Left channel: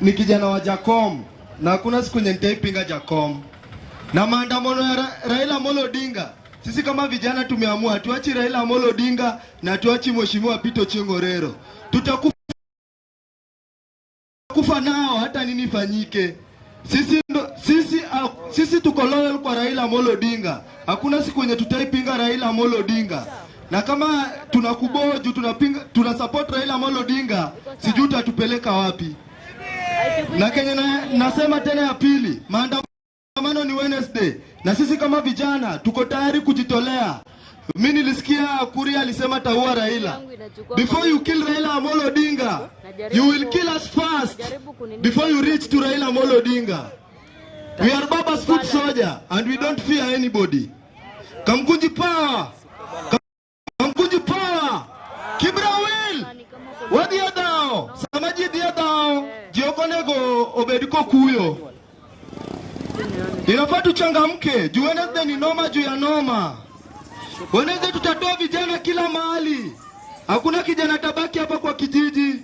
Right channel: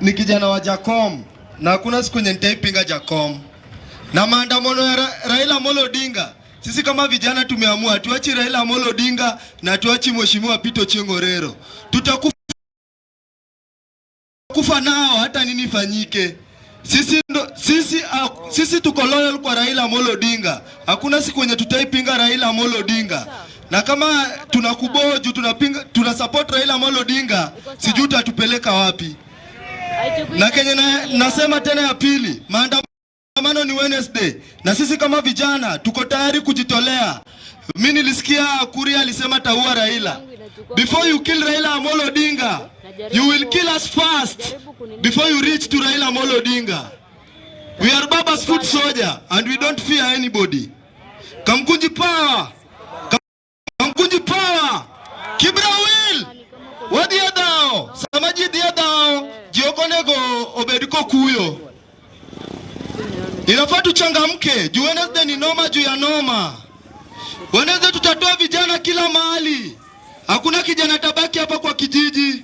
ni kijana wa Jacom na hakuna siku yenye nitaipinga Jacom. Na maandamano ya Raila Amolo Odinga, sisi kama vijana tumeamua tuachi Raila Amolo Odinga na tuachi Mheshimiwa Pito Chengorero. Tutakufa nao hata nini fanyike. Sisi tuko loyal kwa Raila Amolo Odinga. Hakuna siku yenye tutaipinga Raila Amolo Odinga. Na kama tunakuboju tuna support Raila Amolo Odinga, sijui tutatupeleka wapi. Na Kenya nasema tena ya pili, maandamano ni Wednesday na sisi kama vijana tuko tayari kujitolea. Mimi nilisikia Kuria alisema taua Raila. Before you kill Raila Amolo Odinga, you will kill us first before you reach to Raila Amolo Odinga. We are Baba's foot soldier and we don't fear anybody. Kamkunji power! Kamkunji power! Kibra will! Wadia dao! Samaji dia dao! Jiokonego obediko kuyo. Inafaa tuchangamke. Juu Wednesday ni noma juu ya noma. Wednesday tutatoa vijana kila mahali. Hakuna kijana tabaki hapa kwa kijiji.